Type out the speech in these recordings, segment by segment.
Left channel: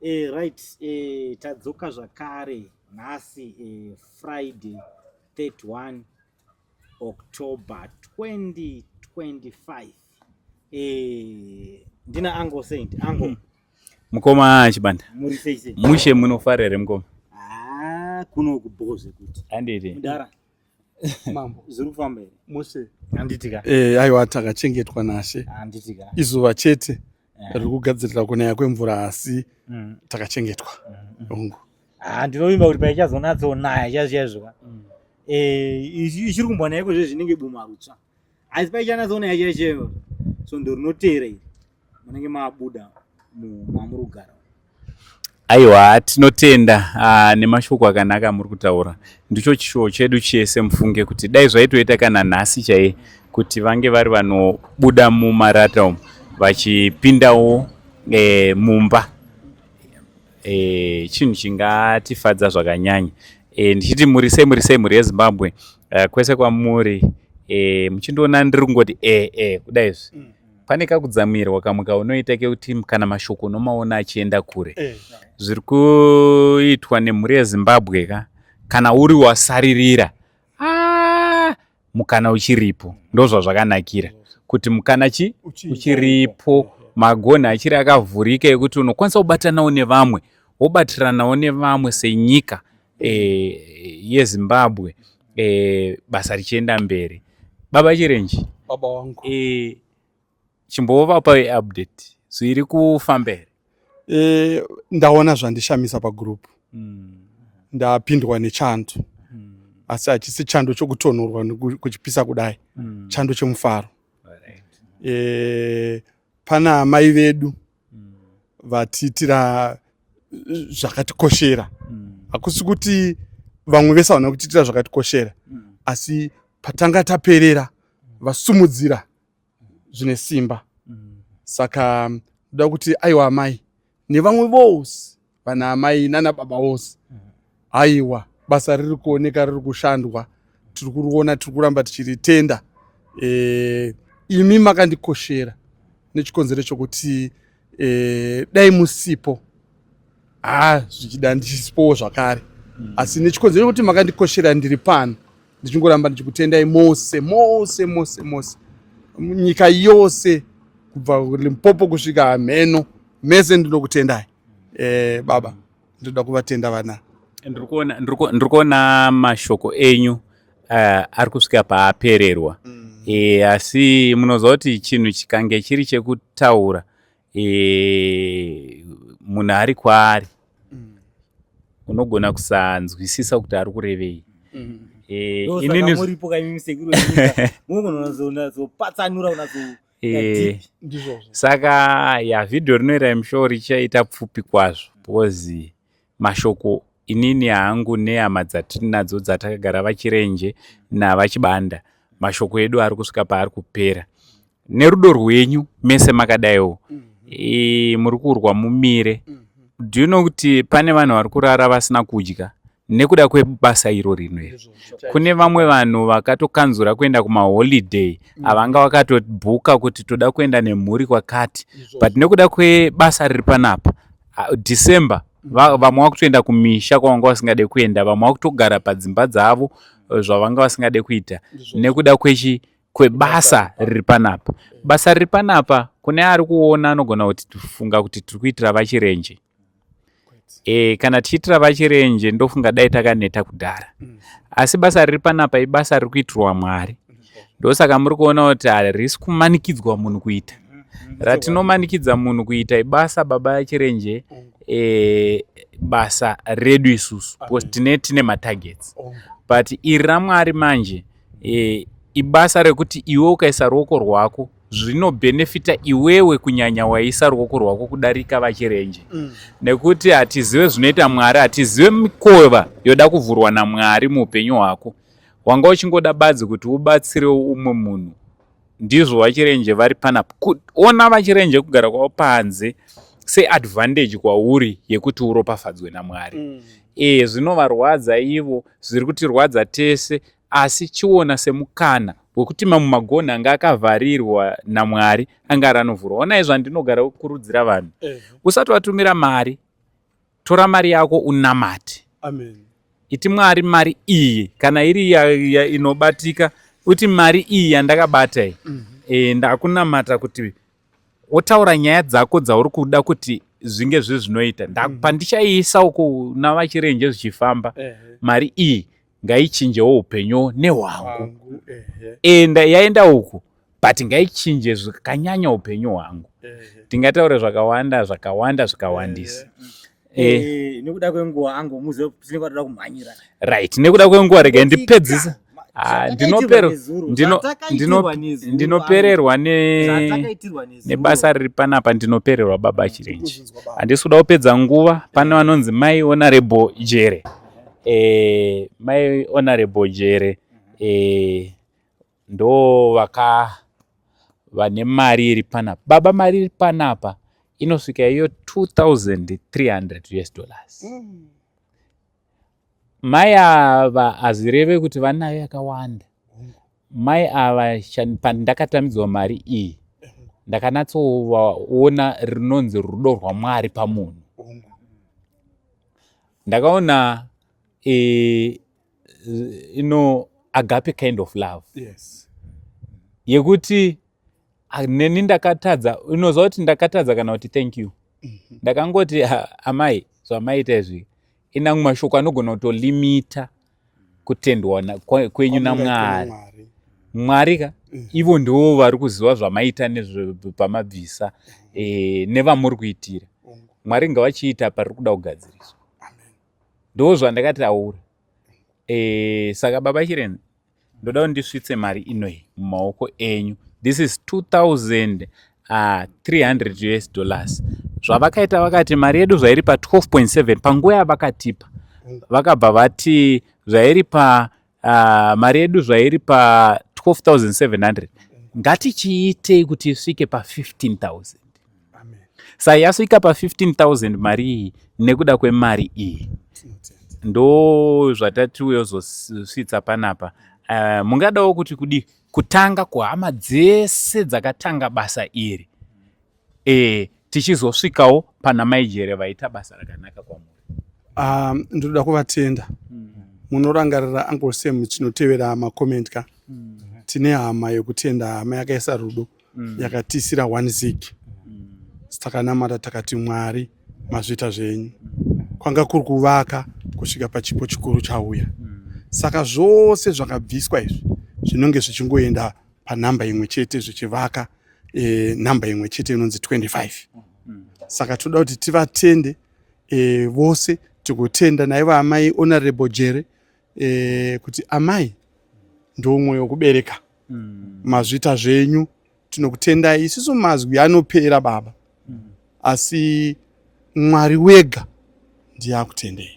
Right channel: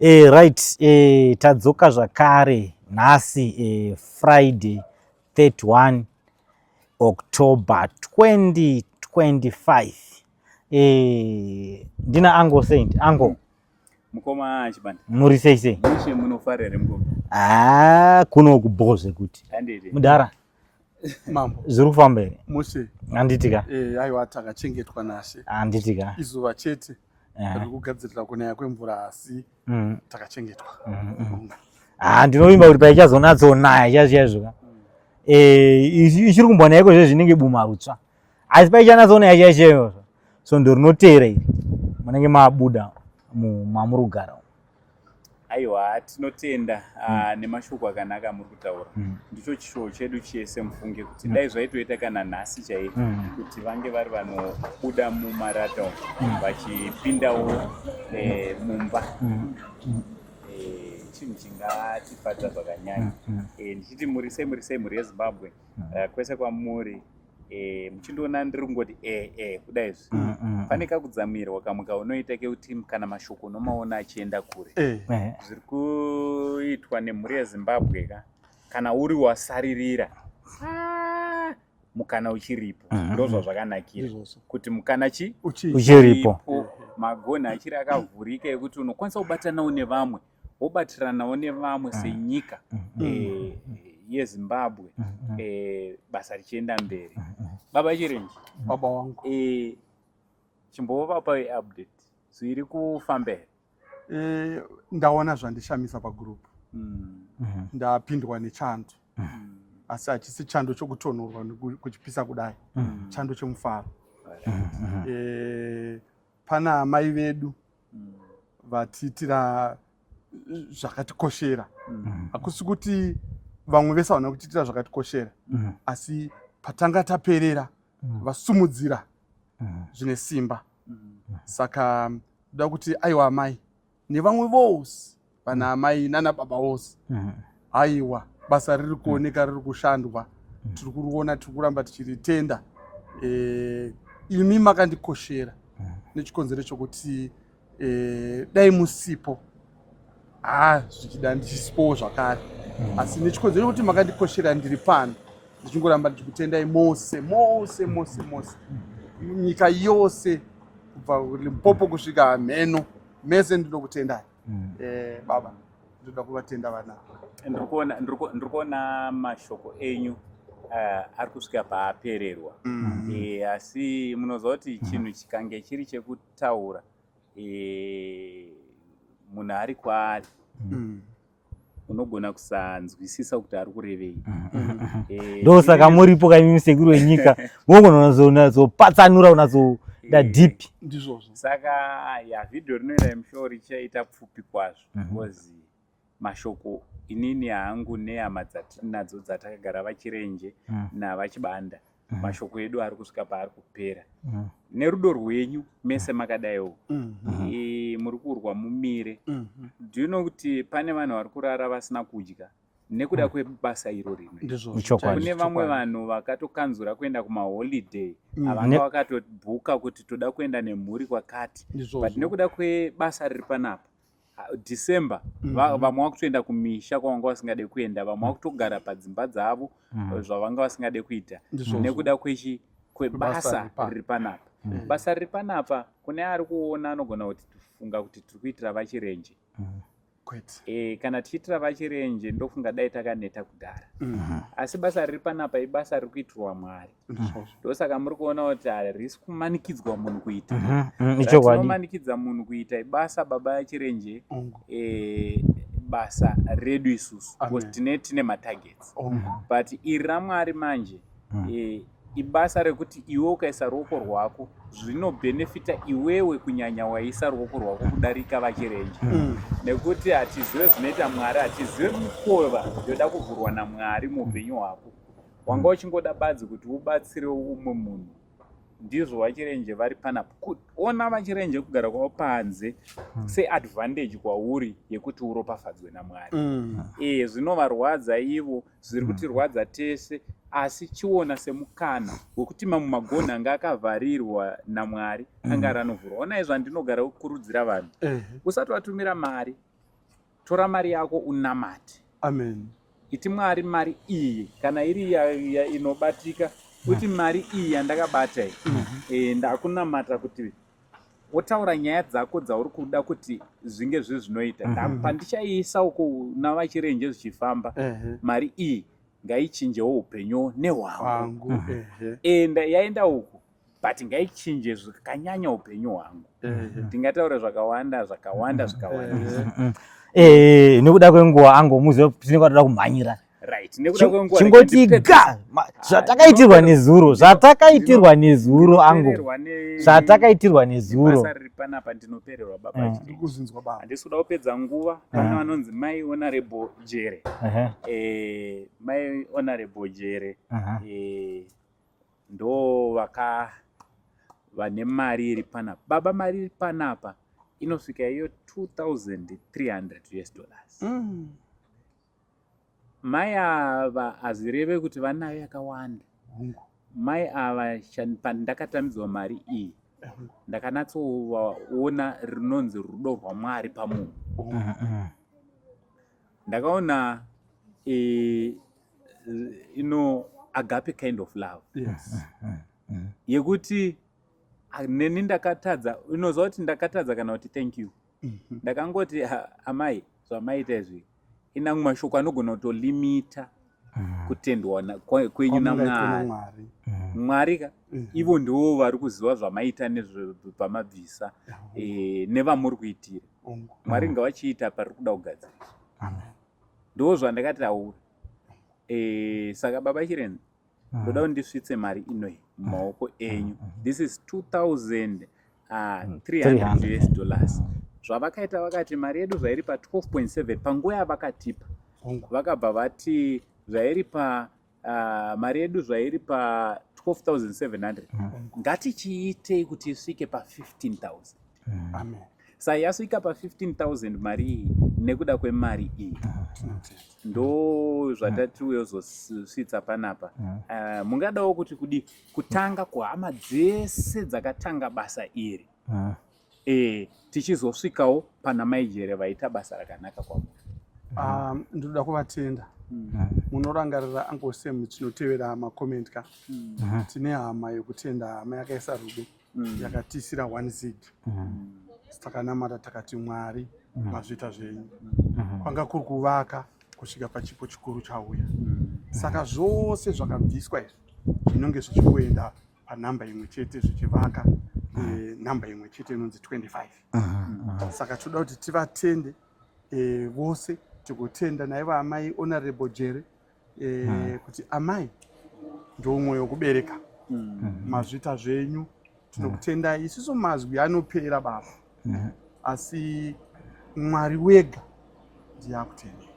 Right, tadzoka zvakare nhasi Friday 31 October 2025. Ndina Ango Saint. Ango. Mukoma chibanda. Muri sei? Mushe munofarere mukoma. Kuno kuboze kuti. Anditi. Mudara. Mambo. Zviri kufamba here? Mushe. Handitika. Aiwa takachengetwa nashe. Handitika. Izuva chete. Riri kugadzirira kunaya kwemvura asi takachengetwa. Ndinovimba kuti paichazonatsonaya chaizvo. Ichiri kumbonayiko zvinenge bumarutsva. Asi paichanatsonaya chaizvo. So ndorinoteera iri. Munenge mabuda mamurugara. Aiwa tinotenda nemashoko akanaka muri kutaura. Ndicho chishuwo chedu chese mufunge kuti dai zvaitoita kana nhasi chaiye kuti vange vari vanobuda mumarata umu vachipindawo mumba. Chinhu chingatifadza zvakanyanya. Ndichiti muri sei muri yeZimbabwe kwese kwamuri muchindoona ndiri kungoti kudai izvi pane kakudzamirwa kamwe kaunoita kekuti kana mashoko unomaona achienda kure. Zviri kuitwa nemhuri yeZimbabwe kana uri wasaririra mukana uchiripo. Ndozvazvakanakira kuti mukana uchiripo, magonhi achiri akavhurika ekuti unokwanisa kubatanawo nevamwe, wobatiranawo nevamwe senyika yeZimbabwe, basa richienda mberi. Baba Chirenji, Baba wangu. Chimbovapa update. Zviri kufamba here? Ndaona zvandishamisa pagroup. Ndapindwa nechando. Asi hachisi chando chokutonhorwa kuchipisa kudai. Chando chemufaro. Pana amai vedu vatiitira zvakatikoshera. Hakusi kuti vamwe vese havana kutiitira zvakatikoshera. Asi patanga taperera vasumudzira zvine simba. Saka ndoda kuti aiwa amai nevamwe vose vana amai nana baba vose. Aiwa basa riri kuoneka riri kushandwa. Tiri kuriona tiri kuramba tichiritenda. Imi makandikoshera nechikonzero chokuti dai musipo zvichida ndichisipowo zvakare. Asi nechikonzero chokuti makandikoshera ndiri pano. Ndichingoramba ndichikutendai mose. Nyika yose kubva Limpopo kusvika Mheno mese ndinokutendai. Baba ndoda kuvatenda vana. Ndiri kuona mashoko enyu ari kusvika paapererwa. Asi munoziva kuti chinhu chikange chiri chekutaura munhu ari kwaari unogona kusanzwisisa kuti ari kurevei. Ndosaka muripo kaimi sekuru wenyika mogona zopatsanura unazoita deep. Saka vhidhiyo rinoira musho richaita pfupi kwazvo because mashoko inini hangu nehama dzatiri nadzo dzatakagara vachirenje navachibanda mashoko edu ari kusvika paari kupera. Nerudo rwenyu mese makadaiwo muri kurwa mumire. Do you know kuti pane vanhu vari kurara vasina kudya nekuda kwebasa iro rino iri? Kune vamwe vanhu vakatokanzura kuenda kumaholiday avanga vakatobhuka kuti toda kuenda nemhuri kwakati, but nekuda kwebasa riri panapa December vamwe vakutoenda kumisha kwavanga vasingade kuenda, vamwe vakutogara padzimba dzavo zvavanga vasingade kuita nekuda kwebasa riri panapa. Basa riri panapa kune ari kuona anogona kuti tifunga kuti tiri kuitira vachirenje. Kana tichitira vachirenje ndofunga dai takaneta kudhara. Asi basa riri panapa ibasa riri kuitirwa Mwari. Ndosaka muri kuona kuti harisi kumanikidzwa munhu kuita. Ratinomanikidza munhu kuita ibasa baba vachirenje, basa redu isusu because tine matargets. But iri raMwari manje ibasa rekuti iwe ukaisa ruoko rwako zvinobhenefita iwewe kunyanya waisa ruoko rwako kudarika vachirenje. Nekuti hatizive zvinoita Mwari, hatizive mikova yoda kuvhurwa naMwari muupenyu hwako. Wanga uchingoda badzi kuti ubatsire umwe munhu. Ndizvo vachirenje vari panapa. Ona vachirenje kugara kwavo panze seadvantage kwauri yekuti uropafadzwe naMwari. Zvinovarwadza ivo, zviri kutirwadza tese. Asi chiona semukana wekuti mamwe magonhi anga akavharirwa naMwari anga aranovhurwa. Ona izvo ndinogara kukurudzira vanhu usati watumira mari tora mari yako unamate. Amen. Iti Mwari mari iyi kana iri inobatika uti mari iyi yandakabata iyi ndakunamata kuti wotaura nyaya dzako dzauri kuda kuti zvinge zvezvinoita ndakupa ndichaisa uko navachirenje zvichifamba mari iyi ngaichinjewo upenyu nehwangu yaenda uku but ngaichinje zvakanyanya upenyu hwangu. Tingataura zvakawanda zvikawandisa. Nekuda kwenguva angomuziva tinenge toda kumhanyira. Right, nekuda kwenguva rege ndipedzisa. Zvatakaitirwa nezuro, zvatakaitirwa nezuro. Ndinopererwa zvatakaitirwa nezuro. Nebasa riri panapa ndinopererwa baba chirenje. Handisi kuda kupedza nguva, pane vanonzi Mai Honorable Jere. Mai Honorable Jere ndo vane mari iri panapa. Baba mari iri panapa inosvika iyo $2,300. Mai ava hazireve kuti vanayo yakawanda. Mai ava pandakatamidzwa mari iyi ndakanatsoona rinonzi rudo rwaMwari pamunhu. Ndakaona agape kind of love. Yekuti neni ndakatadza, unoziva kuti ndakatadza kana kuti thank you. Ndakangoti amai zvamaita izvi ina mashoko anogona kutolimita kutendwa kwenyu naMwari. Mwari ka ivo ndivo vari kuziva zvamaita nezvepamabvisa nevamuri kuitira. Mwari ngavachiita pariri kuda kugadziriswa. Ndo zvandakataura. Saka baba chirenje ndoda ndisvitse mari inoyi mumaoko enyu. This is $2,300. Zvavakaita vakati mari yedu zvairi pa 12.7 panguva yavakatipa vakabva vati zvairi pa mari yedu zvairi pa 12,700 ngatichiite kuti isvike pa 15,000. Saka yasvika pa 15,000 mari iyi nekuda kwemari iyi. Ndo zvatatiuyozosvitsa panapa. Mungadawo kuti kudi kutanga kuhama dzese dzakatanga basa iri tichizosvikawo pana Mai Jere vaita basa rakanaka kwamuri. Ndoda kuvatenda. Munorangarira Uncle Sam chinotevera makomenti ka. Tine hama yokutenda, hama yakaisa rudo yakatisira 1 zig. Takanamata takati Mwari mazvita zvenyu. Kwanga kuri kuvaka kusvika pachipo chikuru chauya. Saka zvose zvakabviswa izvi zvinonge zvichingoenda panhamba imwe chete zvichivaka namba imwe chete inonzi 25. Saka toda kuti tivatende vose, tikutenda naivo amai Honorable Jere kuti amai ndo mwoyo kubereka. Mazvita zvenyu tinokutendai. Isusu mazwi anopera baba, asi Mwari wega ndiye akutendei.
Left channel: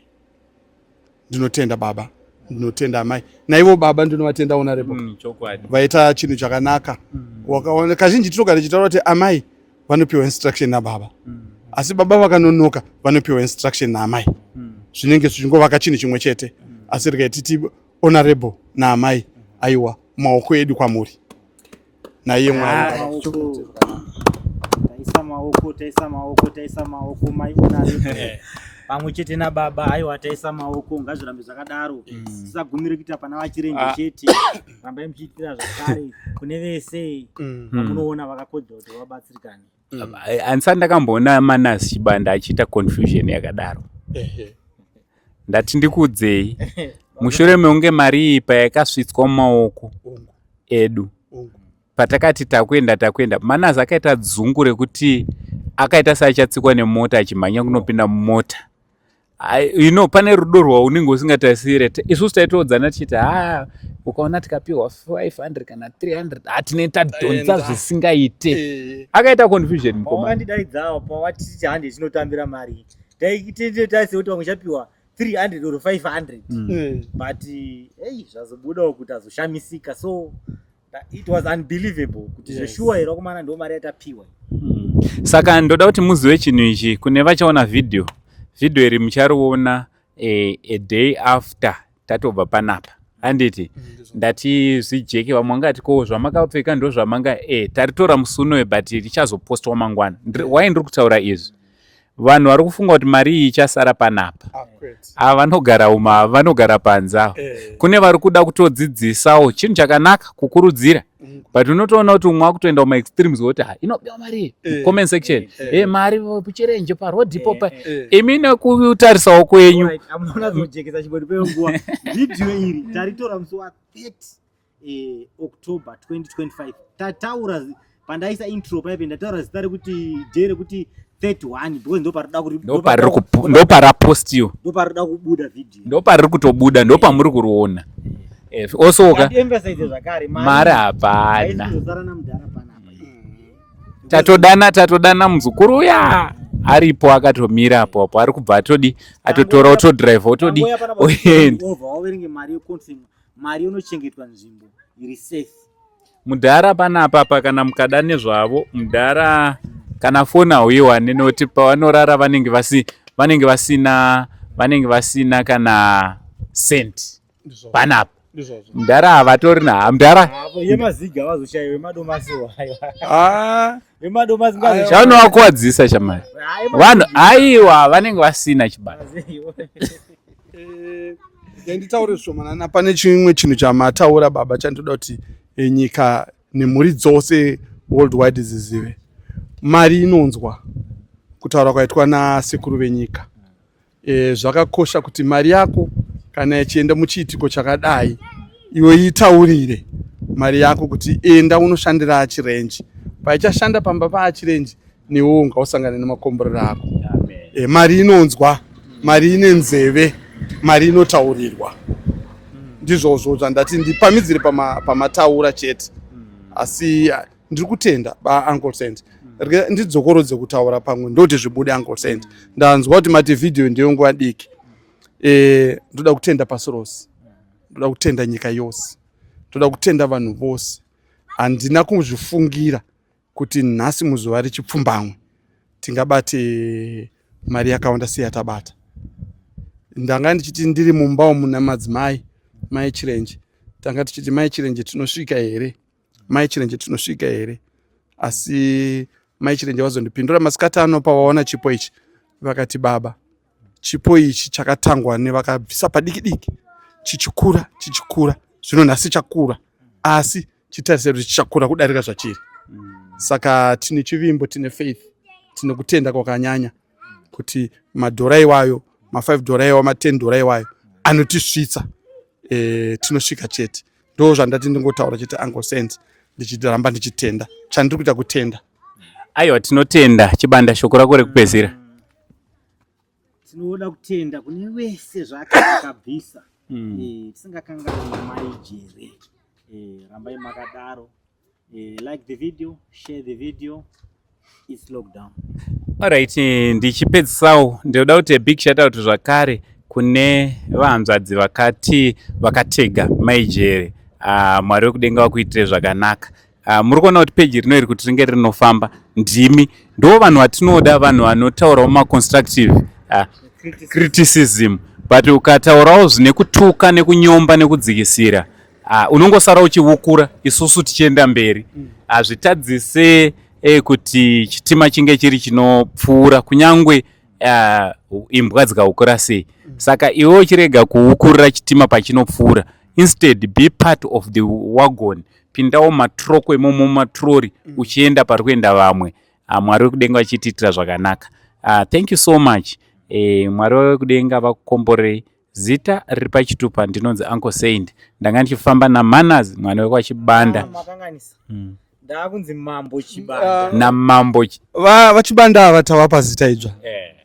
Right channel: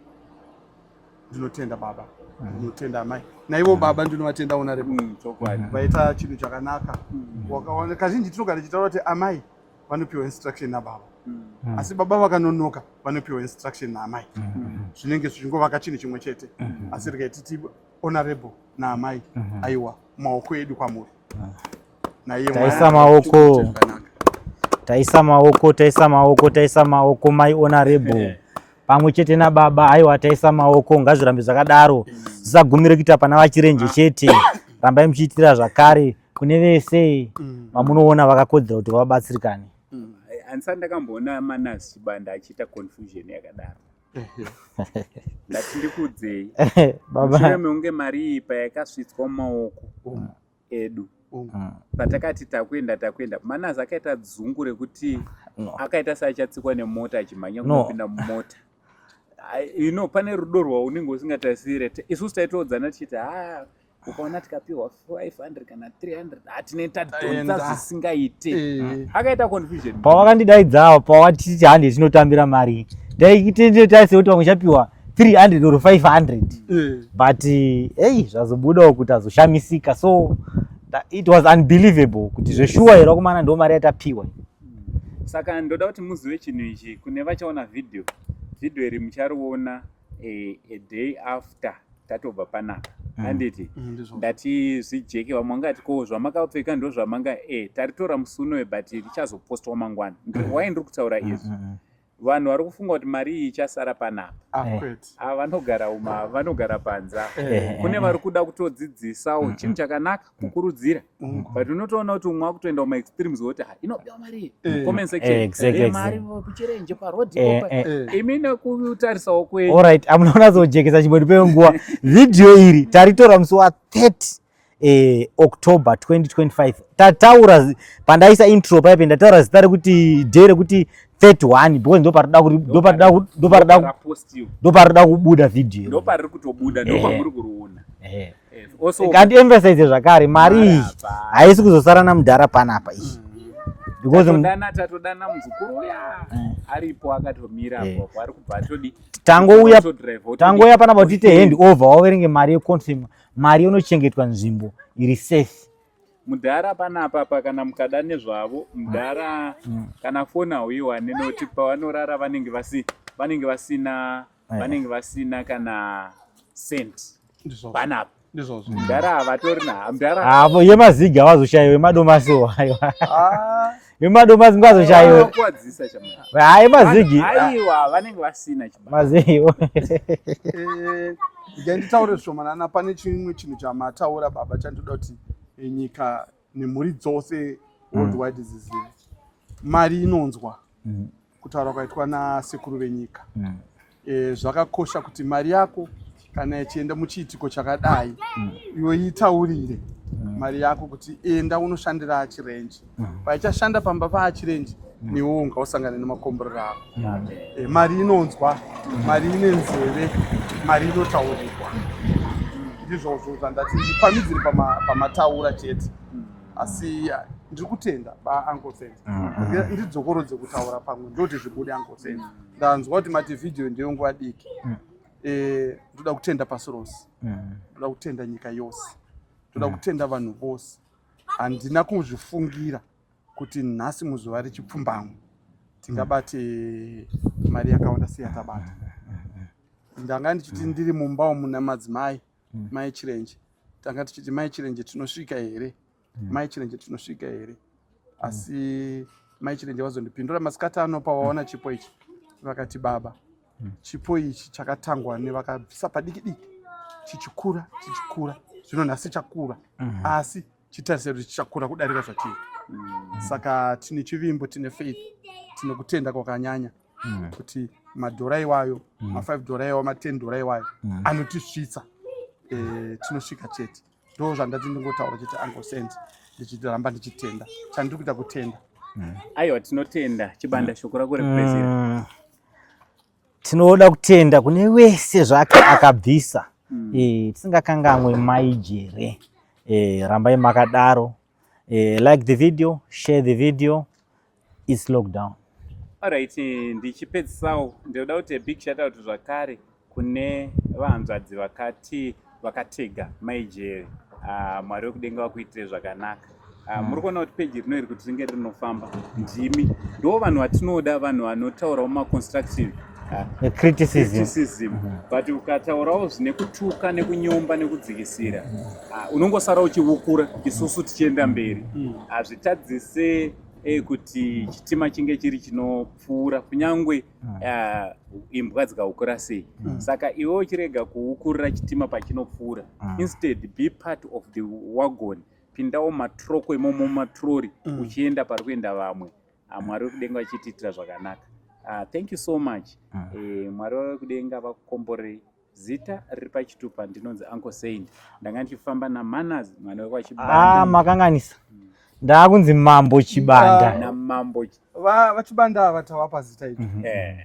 Ndinotenda baba, ndinotenda amai. Naivo baba ndinovatenda Honorable. Vaita chinhu chakanaka. Wakaona kazhinji tinogara tichitaura kuti amai vanopiwa instruction nababa, asi baba vakanonoka vanopiwa instruction naamai. Zvinenge zvichingovaka chinhu chimwe chete, asi regai titi Honorable naamai aiwa maoko edu kwamuri. Naiye taisa maoko Mai Honorable pamwe chete nababa aiwa taisa maoko. Ngazvirambe zvakadaro, zvisagumire kuita pana vachirenje chete. Rambai muchiitira zvakare kune vese vamunoona vakakodzera kuti vabatsirikane. Handisati ndakamboona Manasi Chibanda achiita confusion yakadaro. Ndati ndikudzei mushure meunge mari iyi payakasvitswa mumaoko edu patakati takwenda Manasi akaita dzungu rekuti akaita seachatsikwa nemota achimhanya kunopinda mumota. Pane rudo rwaunenge usingatarisire. Isusu taitodzana tichiti ukaona tikapiwa 500 kana 300 hatine tadhonza zvisingaite. Akaita confusion. Pavakandidaidzawo pawatiti hande tinotambira mari taitendetaise kuti vamwe chapiwa 300 or 500 but zvazobudawo kuti azoshamisika. So it was unbelievable kuti zveshuwa here kumana ndo mari yatapiwa. Saka ndoda kuti muzive chinhu ichi. Kune vachaona video iri muchariona a day after tatobva panapa. Handiti ndati zvijeke vamwe vangati ko zvamakapfeka ndo zvamanga taritora musi unoyo but richazopostwa mangwana. Why ndiri kutaura izvi? vanhu vari kufunga kuti mari iyi ichasara panapa. Vanogara uma vanogara panze avo. Kune vari kuda kutodzidzisawo chinhu chakanaka kukurudzira, but unotoona kuti umwe akutoenda kuma extremes woti inopiwa mari comment section mari kuchirenje parodhi ipopa imi nekutarisawo kwenyu. Alright, amunaona zojekesa chibodi penguwa. Video iri taritora musi wa 30 October 2025. Tataura pandaisa intro paipe ndataura zita rekuti day rekuti 31 because ndopara postiyo ndoparida kubuda video ndopariri kutobuda ndopamuri kuriona. Also kandi emphasize zvakare mari haisi kuzosara namudhara panapa izvi. tatodana muzukuru uya aripo akatomira apo ari kubva atodi atotora otodrive otodi tangoya panapa kuti hand over waverenge mari yeconfirm mari inochengetwa nzvimbo iri safe. Mudhara panapa kana mukada nezvavo mudhara kana foni hauiwane nekuti pavanorara vanenge vasina kana cent panapa. Mudhara havatori mudhara yemaziga havazoshayiwa wemadomasi wemadomasi vanovakuwadzisa chamari aiwa vanenge vasina chibasa. Nditaure zvomanana pane chimwe chinhu chamataura baba chandoda kuti nyika nemhuri dzose worldwide zizive. Mari inonzwa kutaura kwaitwa nasekuru venyika. Zvakakosha kuti mari yako kana ichienda muchiitiko chakadai iwe itaurire mari yako kuti enda unoshandira chirenji. Paichashanda pamba pachirenji newewo ungausangana nemakomborero ako. Mari inonzwa, mari ine nzeve, mari inotaurirwa. Ndizvozvo zvandati ndipamidzire pamataura chete. Asi ndiri kutenda Uncle Sent. Ndidzokorodze kutaura pamwe ndoti zvibude Uncle Sent. Ndanzwa kuti mati video ndiyo nguva diki. Ndoda kutenda pasi rose. Ndoda kutenda nyika yose. Ndoda kutenda vanhu vose. Handina kuzvifungira kuti nhasi muzuva rechipfumbamwe tingabate mari yakawanda seyatabata. Ndanga ndichiti ndiri mumba muna madzimai mai chirenje tanga tichiti mai chirenje tinosvika here, mai chirenje tinosvika here. Asi mai chirenje vazondipindura masikati ano pavaona chipo ichi vakati baba chipo ichi chakatangwa nevakabvisa padiki diki chichikura zvino nhasi chakura asi chitarise kuti chichakura kudarika zvachiri. Saka tine chivimbo, tine faith, tine kutenda kwakanyanya kuti madhora iwayo $5 iwayo $10 iwayo anotisvitsa. Tinosvika chete. Ndo zvandati ndingotaura chete Uncle Sent ndichiramba ndichitenda chandiri kuita kutenda. Aiwa tinotenda chibanda shoko rako rekupedzisira. Tinoda kutenda kune wese zvake akabvisa. Tisingakangamwe maijere. Rambai makadaro. Like the video, share the video. It's lockdown. Alright, ndichipedzisawo ndoda kuti big shout out zvakare kune vahanzvadzi vakatega maijere. Mwari wekudenga vakuitire zvakanaka. Muri kuona kuti peji rino iri kuti ringe rinofamba ndimi ndo vanhu vatinoda, vanhu vanotaurawo maconstructive criticism, but ukataurawo zvine kutuka nekunyomba nekudzikisira unongosara uchiukura isusu tichienda mberi. Hazvitadzise kuti chitima chinge chiri chinopfuura kunyangwe imbwa dzikaukura sei. Saka iwe uchirega kuukurira chitima pachinopfuura, instead be part of the wagon. Pindawo matroko imomo matrori uchienda pari kuenda vamwe. Mwari wekudenga vachitiitira zvakanaka. Thank you so much. Mwari wekudenga vakukomborei. Zita riri pachitupa ndinonzi Uncle Sent. Ndanga ndichifamba naManners mwana weko wachibanda. Makanganisa. Ndakunzi Mambo Chibanda. Namambo vachibanda ava tavapa zita idzva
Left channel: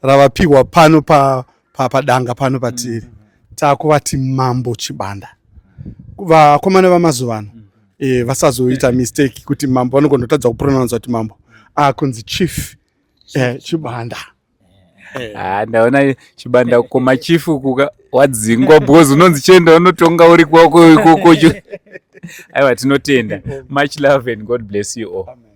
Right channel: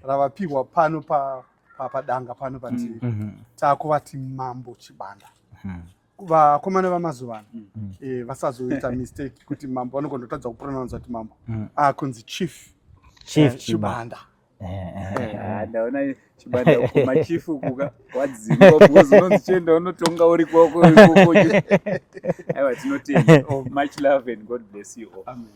ravapihwa pano padanga pano patiri. Takuvati Mambo Chibanda. Vakomana vamazuva ano vasazoita mistake kuti mambo vanogondotadza kupronounce kuti mambo kunzi Chief Chibanda. Ndaona Chibanda kukoma chifu wadzingwa because unonzi chenda unotonga uri kwako. Aiwa tinotenda. Much love and God bless you all. Amen.